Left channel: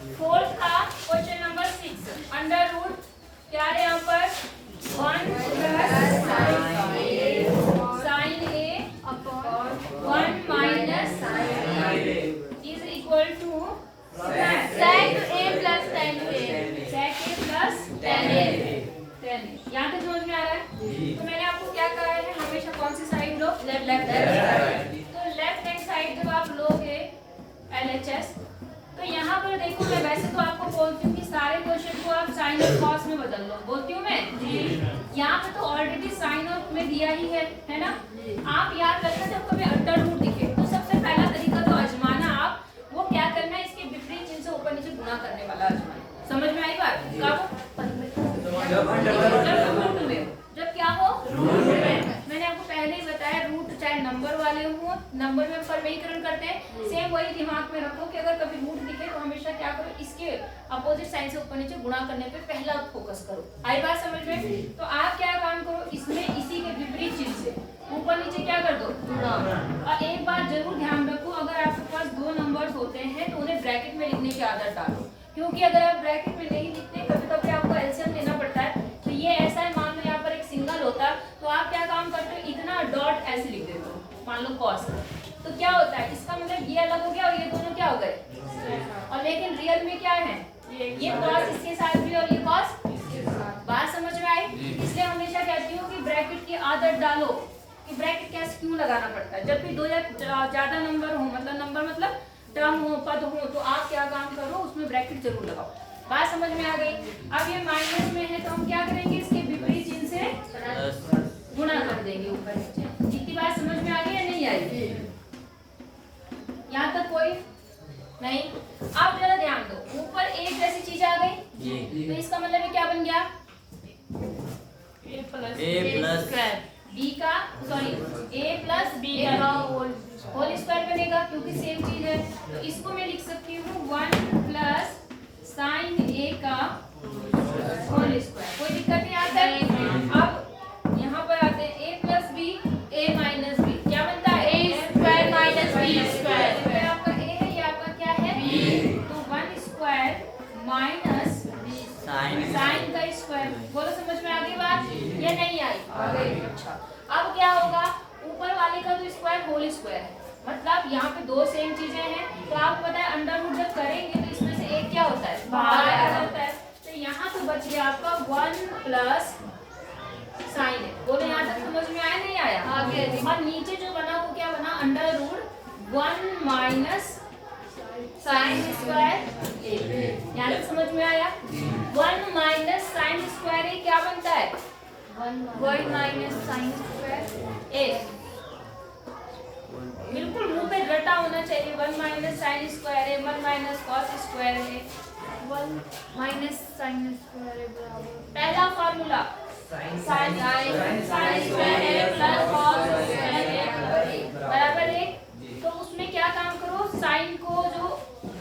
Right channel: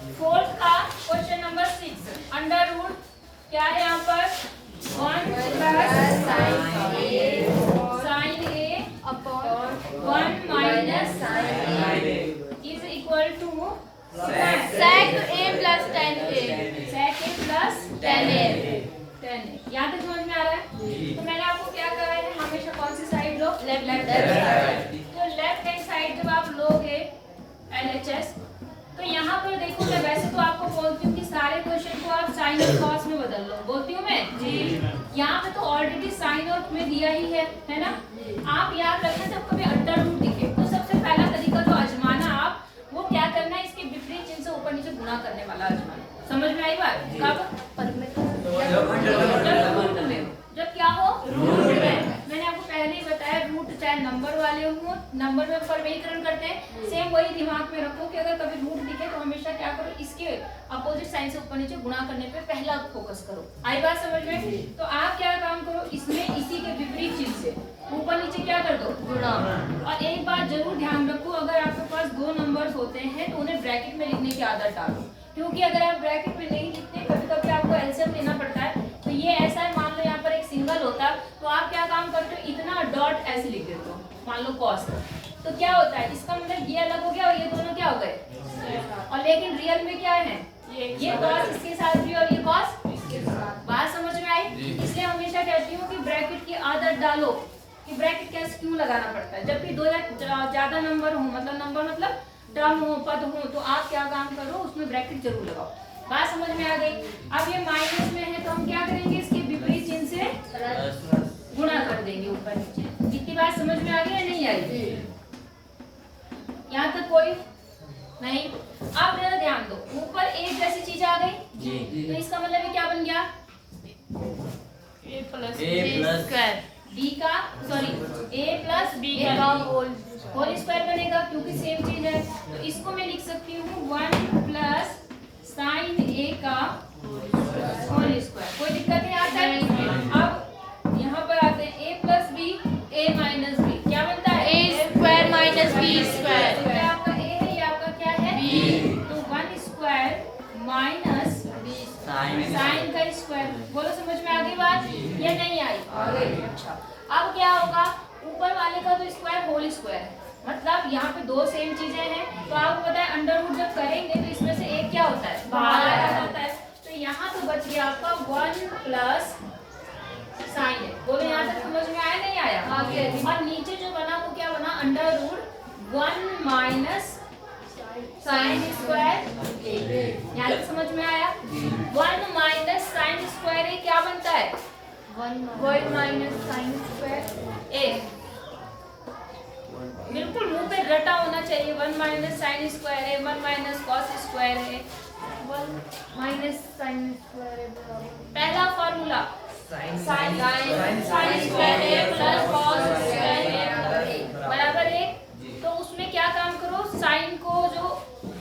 Fourth का question number 6 under root क्या है यहाँ पर 1 plus sine A upon 1 minus sine A is equal to sec a plus tan a sec a plus tan a 10 यहाँ तक समझ में आ रहा है? तो मैंने आपको क्या कराया है, हमेशा कौन सी साइड लो? लेफ्ट तो लेफ्ट हैंड साइड जब आप लोगे LHS तो यहाँ पर देखो, मैं वैसे तो आपको बोलती हूँ कि सारे क्वेश्चन को आप साइन और कॉस में बदल लो, बोलती हूँ मैं जी। यहाँ पे तो ऑलरेडी साइन और में दिया ही है ना। आप याद रखना जब कभी अंडर रूट दिखे तो सबसे पहला तरीका तो आजमाना आप वो क्या करना है, इसके विपरीत चिन्ह से ऊपर नीचे गुणा करने वाला आजमाना। समझ में आई बात? जब क्या हो रूट में, मैंने आपको पहले ही बताया रूट चाहे नंबर वाले हो, नंबर में परिमेयीकरण करते हैं, सेम वही दिमाग में रखो कि अगर कभी रूट दिखे तो हमेशा क्या करो, इसके अपोजिट साइन से ऊपर नीचे गुणा करने पे पहला फोकस करो। आई बात समझ में? तो आप क्या काम करो, इसमें इसी के विपरीत चिन्ह से ऊपर नीचे क्या कर दो, गुणा। और एक बात जरूर ध्यान रखो, अगर आपके पास दो नंबर्स होते हैं तो उन्हें ब्रैकेट में लिखने की आदत डालो, क्योंकि अगर आप ब्रैकेट में नहीं लिखते कभी कभी आपको एलसीएम लेना पड़ता है। तो ये ऐसा है, मान लो यहाँ पर एक सिंगल होता तो आप क्या काम करते हो, इतना डॉट ऐसे लिख देते हो, मान लो कॉस, तो क्या होता है, इसका मतलब ये अलग हो गया और ये दोनों क्या हो गए। और लेकिन रियल में क्या है, ये कॉस इसके साथ भी और ये कॉस इसके साथ। बात समझ में आई? इसलिए हमेशा कहती हूँ कि ब्रैकेट की आदत डालो कि ब्रैकेट क्या क्यों लगाना पड़ता है। जब भी दो या ज्यादा नंबर हो, मतलब टर्म हो, पद हो, तो आप क्या काम करो, उसमें ब्रैकेट जरूर लगाओ। बात समझ में आ गई? अब ये माइनस में है तो हम क्या करेंगे, इसके विपरीत चिन्ह से गुणा कर देंगे ऊपर नीचे। इतनी बात समझ में आ गई या नहीं आई? यहाँ तक कोई नहीं? अब जरा ध्यान दो, ऊपर एक जैसी चीज आ गई तो इसका मतलब ये क्या बन गया, a plus बी का सॉरी a प्लस बी का होल स्क्वायर बनेगा, क्योंकि सेम चीज है। तो इसको मैं लिख सकती हूँ 1 प्लस साइन a का होल स्क्वायर। कोई दिक्कत नहीं आता है? अब यहाँ पर आते हैं a plus B a minus B, क्या बनता है a square minus b square। तो ये आपका a है, ये आपका क्या है b। तो 1 स्क्वायर माइनस साइन का स्क्वायर। बोलो समझ में आ गई बात या नहीं आई? अच्छा, अब क्या होगा, ऊपर वाले का तो स्क्वायर होल स्क्वायर है, मतलब यहाँ पे दो सेम चीजें हैं। तो आपको पता है अंडर रूट जब करेंगे तो इसमें से एक क्या होता है, बाहर आ जाता है। तो यहाँ तो बच गया आपका 1 प्लस साइन है। बोलो यहाँ तक समझ में आया नहीं आया? और नीचे जो बना वो क्या बना, under root 1 minus sine square. यहाँ तक समझ में आया? 1 माइनस साइन स्क्वायर क्या बनता है, 1 minus sin square ए। बिल्कुल मुंह पे रटा होना चाहिए। 1 माइनस साइन स्क्वायर है, 1 माइनस कॉस स्क्वायर है। 1 minus sin square पहला formula sin square a plus cos square a बराबर है। तो उसमें क्या काम करो, साइन को जो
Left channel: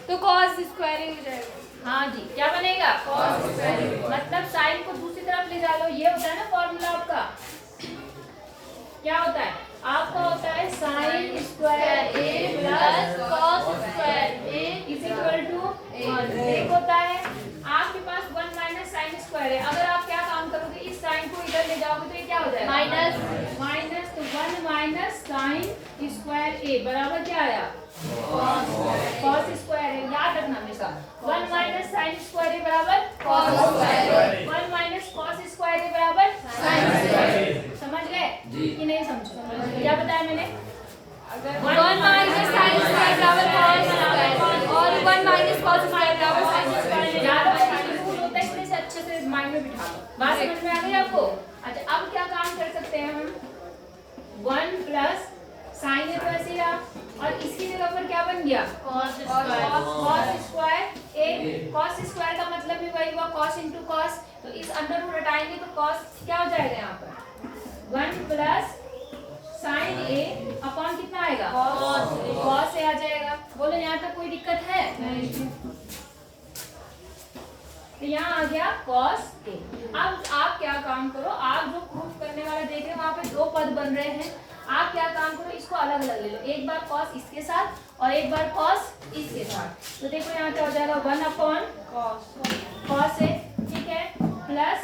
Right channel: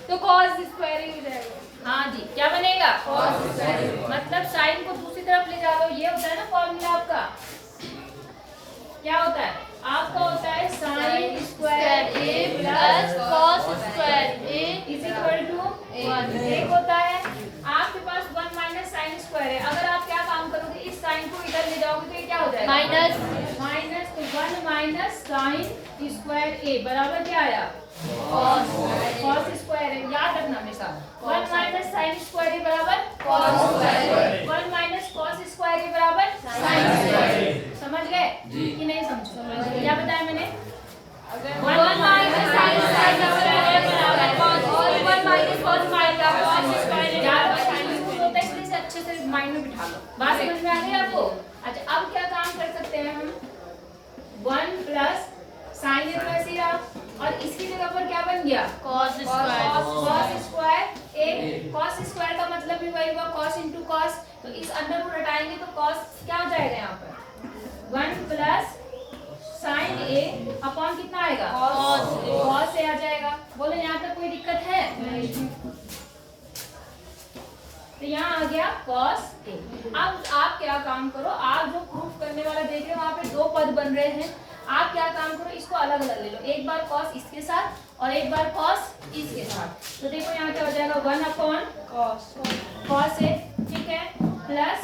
तो cos square ही हो जाएगा। हाँ जी, क्या बनेगा cos square मतलब साइन को दूसरी तरफ ले जा लो। ये होता है ना फॉर्मूला आपका, क्या होता है आपका, होता है sine square a plus cos square a is equal to 1। एक होता है आपके पास 1 माइनस साइन स्क्वायर है। अगर आप क्या काम करोगे, इस साइन को इधर ले जाओगे तो ये क्या हो जाएगा, माइनस। तो 1 माइनस साइन स्क्वायर a बराबर क्या आया, कॉस स्क्वायर है। याद रखना हमेशा 1 माइनस साइन स्क्वायर a बराबर cos square, 1 minus cos square a बराबर साइन स्क्वायर। समझ गए कि नहीं समझे? क्या बताया मैंने? 1 minus sin square बराबर cos और 1 minus cos square बराबर sin square। याद होता है, इसलिए से अच्छे से माइंड में बिठा लो। बात समझ में आ गई आपको? अच्छा, अब क्या काम कर सकते हैं हम, 1 प्लस साइन तो ऐसे ही रहा और इसकी जगह पर क्या बन गया, cos square cos square a। cos square का मतलब भी वही हुआ, cos इंटू cos। तो इस अंडर रूट हटाएंगे तो cos क्या हो जाएगा, यहाँ पर 1 प्लस साइन a अपॉन कितना आएगा, cos a आ जाएगा। बोलो यहाँ तक कोई दिक्कत है? तो यहाँ आ गया cos a। अब आप क्या काम करो, आप जो प्रूफ करने वाला देख रहे हो वहाँ पे दो पद बन रहे हैं। आप क्या काम करो, इसको अलग अलग ले लो। एक बार cos इसके साथ और एक बार कॉस इसके साथ। तो देखो यहाँ क्या हो जाएगा 1 अपॉन कॉस ए, ठीक है, plus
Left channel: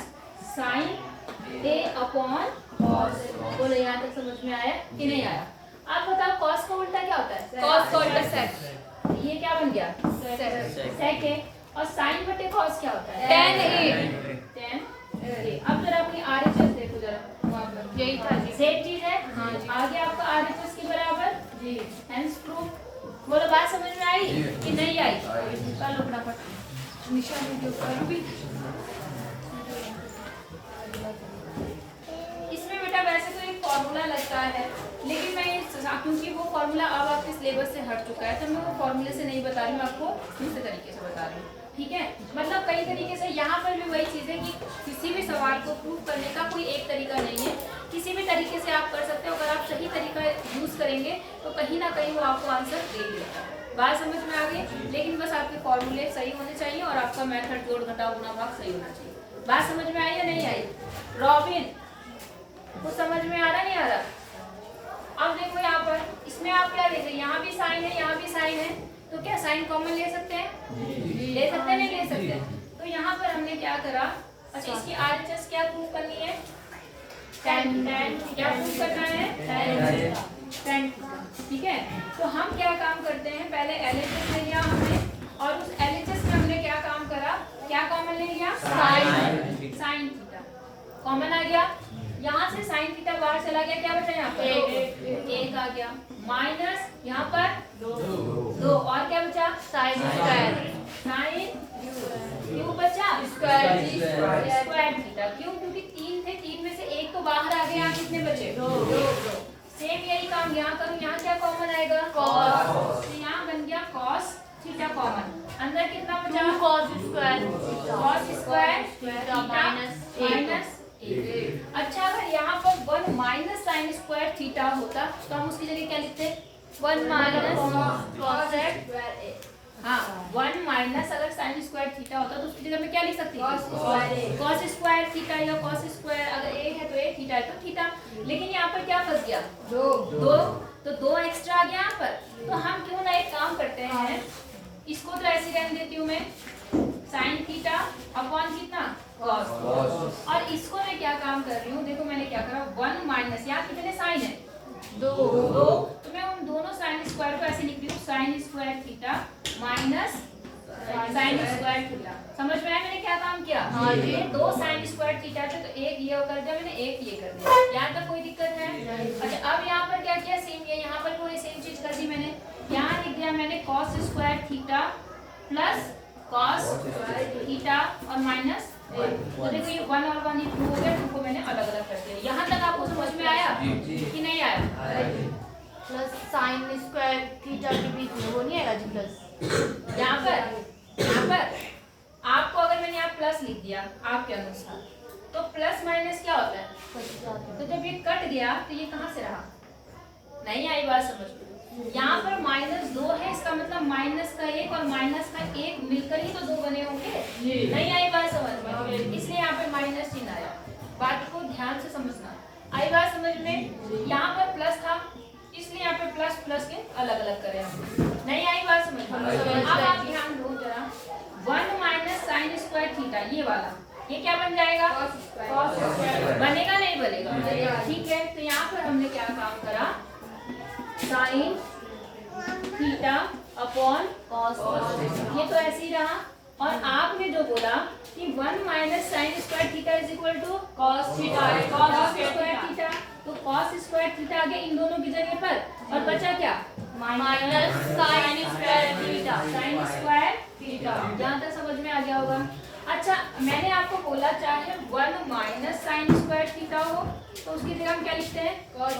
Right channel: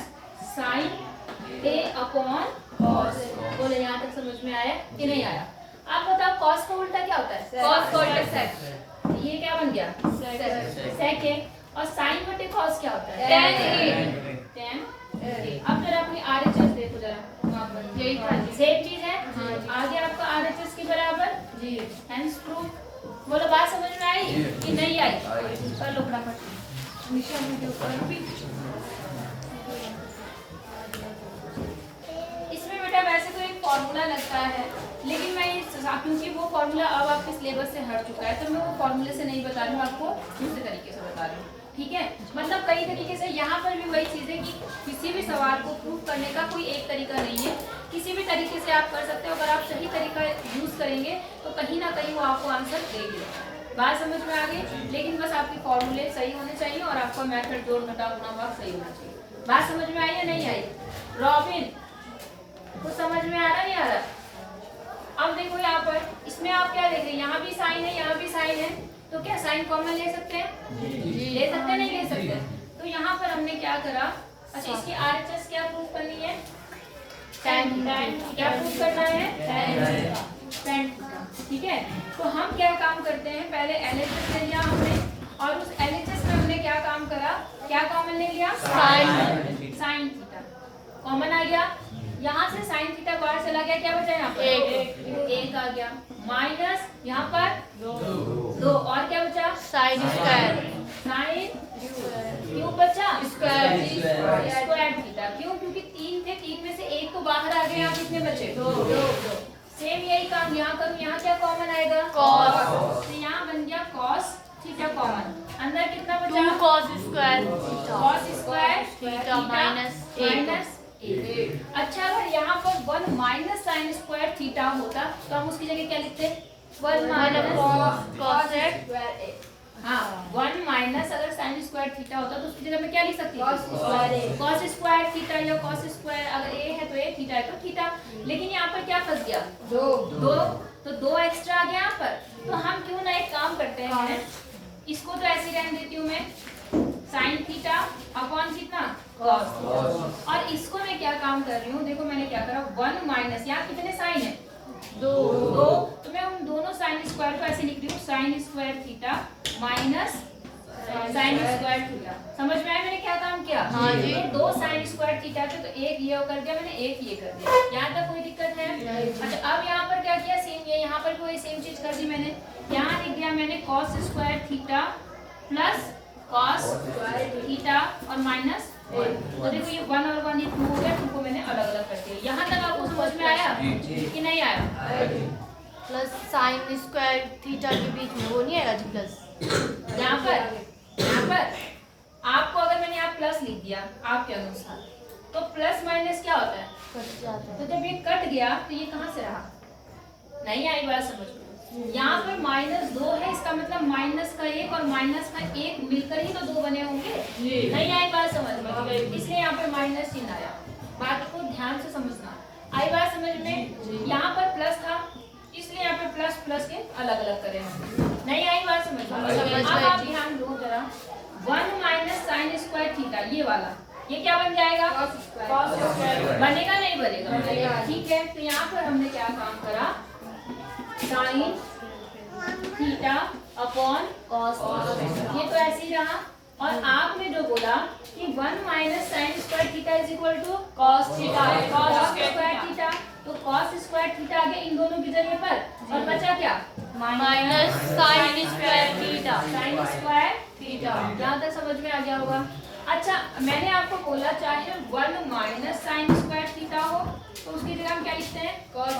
sine A upon cos. बोलो यहाँ तक समझ में आया कि नहीं आया? आप बताओ कॉस का उल्टा क्या होता है? cos का उल्टा sec, ये क्या बन गया? सेक है। और साइन बटे कॉस क्या होता है? tan A। tan A। अब जरा अपनी आरएचएस देखो जरा, वहाँ पर यही था जी। सेम चीज है। हाँ जी। आगे आपका आरएचएस के बराबर जी। Hence proof. बोलो बात समझ में आई कि नहीं आई? कर लो फटाफट। निशा वीडियो पर भी इसमें बेटा वैसे तो एक फॉर्मूला लगता है, लेकिन मैं क्योंकि वो फॉर्मूला अब आपके सिलेबस से हट चुका है तो मैं वो फॉर्मूले से नहीं बता रही हूँ, आपको दूसरे तरीके से बता रही हूँ, ठीक है? मतलब कई तरीके से यहाँ पर भी वही चीज़ है कि किसी भी सवाल को प्रूव करने का कोई एक तरीका नहीं है, किसी भी तरीके से आप कर सकते हो। अगर आप सही तरीका यूज़ करेंगे तो कहीं ना कहीं वो आपको आंसर देगी। बात समझ में आ गई? लेकिन बस आपके फॉर्मूले सही होने चाहिए और आपका मेथड जोड़ घटा गुणा भाग सही होना चाहिए। बात समझ में आई या नहीं आई? रॉबिन कुछ समझ में आ रहा नहीं आ रहा? अब देखो यहाँ पर इसमें आप क्या देख रहे हैं, यहाँ भी साइन है, यहाँ भी साइन है, तो क्या साइन कॉमन ले सकते हैं? ले सकते हैं, नहीं ले सकते? तो यहाँ पर हमने क्या करा, अच्छा इसकी आरएचएस क्या प्रूव करनी है? tan क्या प्रूव करना है? tan, ठीक है। तो हम क्या काम करते हैं, पहले एलएचएस ले लिया हमने और उस एलएचएस में हमने क्या काम करा, क्या कॉमन ले लिया? साइन थीटा कॉमन आ गया। यहाँ से साइन थीटा बाहर चला गया, क्या बचा यहाँ पर? एक आ गया, माइनस यहाँ पर 2 और क्या बचा? sin स्क्वायर, साइन क्यों बचा? Square theta. क्यों? क्योंकि 3 थे, 3 में से एक तो बाहर आ गया, कितने बचे? 2। सेम यही काम यहाँ करूँ, यहाँ क्या कॉमन आएगा? cos, तो यहाँ बन गया cos थीटा कॉमन। अंदर कितना बचा? 2 cos square, cos square theta minus 1। अच्छा अगर यहाँ पर 1 माइनस साइन स्क्वायर थीटा होता तो हम उसकी जगह क्या लिखते? 1 माइनस cos स्क्वायर, हाँ 1 माइनस अगर साइन स्क्वायर थीटा होता तो उसकी जगह में क्या लिख सकती है? cos स्क्वायर थीटा या cos स्क्वायर, अगर a है तो a, थीटा है तो थीटा। लेकिन यहाँ पर क्या फंस गया? 2, तो 2 एक्स्ट्रा आ गया यहाँ पर। तो हम क्यों ना एक काम करते हैं, इसको तो ऐसे रहने देती हूँ मैं, साइन थीटा अपॉन कितना? cos। और इसको मैं क्या काम कर रही हूँ, देखो मैंने क्या करा, 1 माइनस, यहाँ कितने साइन है? 2, तो मैं उन दोनों साइन स्क्वायर को ऐसे लिख रही हूँ, sign square theta minus sine square theta. समझ में आया मैंने क्या काम किया? हाँ जी। ये 2 साइन स्क्वायर थीटा थे तो एक ये कर दिया मैंने, एक ये कर दिया। यहाँ तक कोई दिक्कत है? अच्छा अब यहाँ पर क्या किया, सेम ये यहाँ पर कोई सेम चीज कर दी मैंने, यहाँ लिख दिया मैंने cos square theta plus cos theta और माइनस 1। तो देखो ये 1 और 1 ये 2 हो गए, 2 को मैंने अलग अलग कर दिया। यहाँ तक आपको समझ में आया कि नहीं आया? प्लस साइन स्क्वायर थीटा के बीच में वो नहीं आएगा जी प्लस? यहाँ पर आपको अगर मैंने यहाँ प्लस लिख दिया आपके अनुसार, तो प्लस माइनस क्या होता है? तो जब ये कट गया तो ये कहाँ से रहा? नहीं आई बात समझ में? यहाँ पर -2 है, इसका मतलब माइनस का 1 और माइनस का 1 मिलकर ही तो 2 बने होंगे। नहीं आई बात समझ में? इसलिए यहाँ पे माइनस चिन्ह आया। बात को ध्यान से समझना। आई बात समझ में? यहाँ पर प्लस था इसलिए यहाँ पे प्लस प्लस के अलग अलग करे हम। नहीं आई बात समझ में? अब आप ध्यान दो जरा, 1 माइनस साइन स्क्वायर थीटा ये वाला, ये क्या बन जाएगा? cos square. बनेगा नहीं बनेगा? ठीक है, तो यहाँ पर हमने क्या काम करा, साइन थीटा अपॉन cos, ये तो ऐसे ही रहा। और आपने जो बोला कि 1 minus sine square theta is equal to cos theta, cos square theta, तो cos स्क्वायर थीटा आ गया इन दोनों की जगह पर, और बचा क्या? Minus sine square theta, sine square theta. जहाँ तक समझ में आ गया होगा। अच्छा मैंने आपको बोला चाहे 1 माइनस साइन स्क्वायर थीटा हो तो उसकी जगह हम क्या लिखते हैं? cos,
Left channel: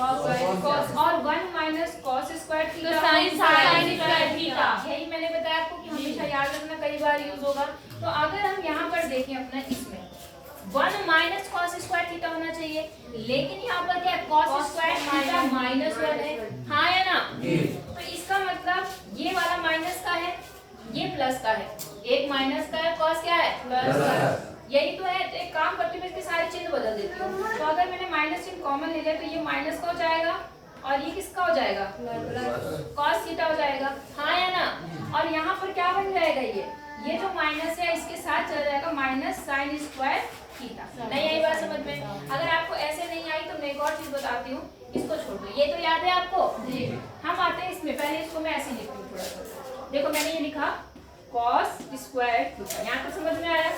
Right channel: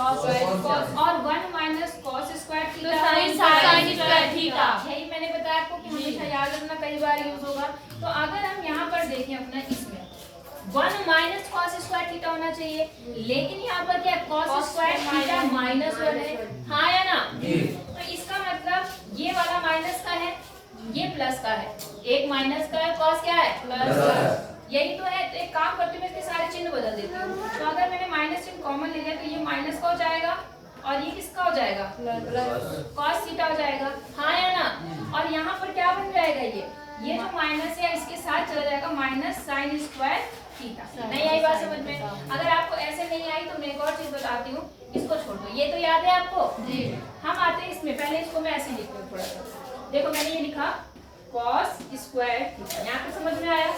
और 1 minus cos square theta sine square theta. यही मैंने बताया आपको कि हमेशा याद रखना, कई बार यूज होगा। तो अगर हम यहाँ पर देखें अपना, इसमें 1 माइनस cos स्क्वायर थीटा होना चाहिए, लेकिन यहाँ पर क्या है? cos स्क्वायर थीटा -1 है, हाँ या ना? तो इसका मतलब ये वाला माइनस का है, ये प्लस का है, एक माइनस का है, cos क्या है? प्लस। यही तो है। तो एक काम करती हूँ, मैं इसके सारे चिन्ह बदल देती हूँ। तो अगर मैंने माइनस चिन्ह कॉमन ले लिया तो ये माइनस का हो जाएगा और ये किसका हो जाएगा? cos थीटा हो जाएगा, हाँ या ना? और यहाँ पर क्या बन जाएगा? ये जो माइनस है इसके साथ चला जाएगा माइनस साइन स्क्वायर थीटा। नहीं आई बात समझ में? अगर आपको ऐसे नहीं आई तो मैं एक और चीज बताती हूँ, इसको छोड़ दो। ये तो याद है आपको जी। हम आते हैं इसमें, पहले इसको मैं ऐसे लिखती हूँ थोड़ा सा। देखो मैंने ये लिखा cos स्क्वायर थीटा, यहाँ पे समझ में आया?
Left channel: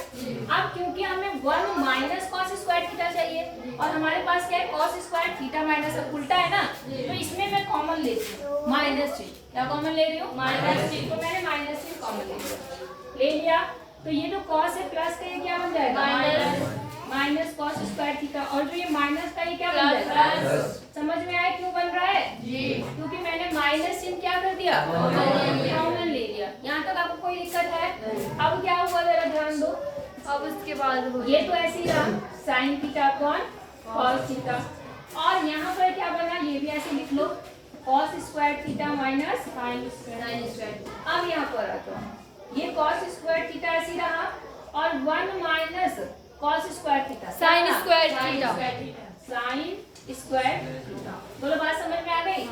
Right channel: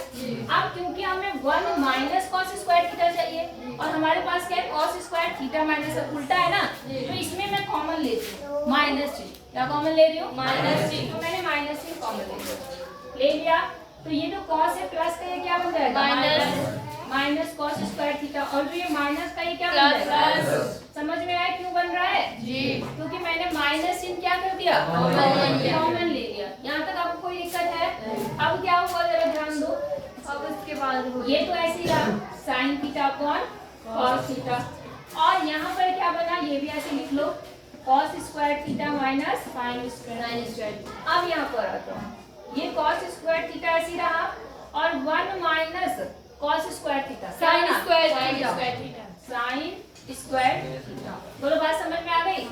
अब क्योंकि हमें 1 माइनस cos स्क्वायर थीटा चाहिए और हमारे पास क्या है? cos स्क्वायर थीटा माइनस उल्टा है ना, तो इसमें मैं कॉमन लेती हूँ माइनस चिन्ह। क्या कॉमन ले रही हूँ? माइनस चिन्ह। तो मैंने माइनस चिन्ह कॉमन ले लिया। तो ये जो cos है प्लस का ये क्या बन जाएगा? Minus cos square theta. और जो ये माइनस का ये क्या बन जाएगा? समझ में आया क्यों बन रहा है? जी। क्योंकि मैंने माइनस चिन्ह क्या कर दिया? कॉमन ले लिया। यहाँ तक आपको कोई दिक्कत है? अब क्या हुआ जरा ध्यान दो। अब इसके बाद ये तो ऐसे ही रहा sine theta upon cos theta, और यहाँ पर क्या बना? ये भी ऐसे लिख लो cos square theta minus sine square. अब यहाँ पर आता हूँ, ये cos स्क्वायर थीटा ऐसे ही रहा और 1 minus cos square theta sine square theta. बोलो बात समझ में आ गई?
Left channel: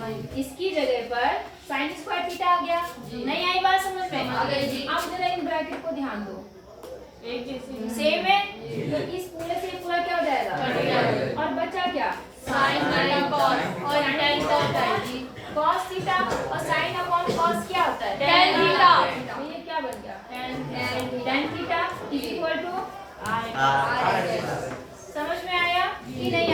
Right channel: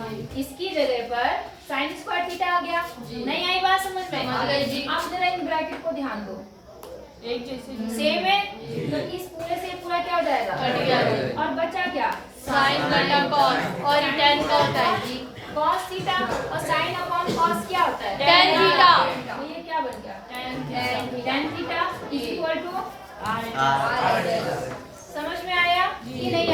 इसकी जगह पर साइन स्क्वायर थीटा आ गया। नहीं आई बात समझ में? अब जरा इन ब्रैकेट को ध्यान दो, सेम है तो इस पूरे से पूरा क्या हो जाएगा? और बचा क्या? साइन और tan cos थीटा, और साइन अपॉन cos क्या होता है? tan theta. तो ये क्या बन गया? tan theta equal to. समझ में आया कि नहीं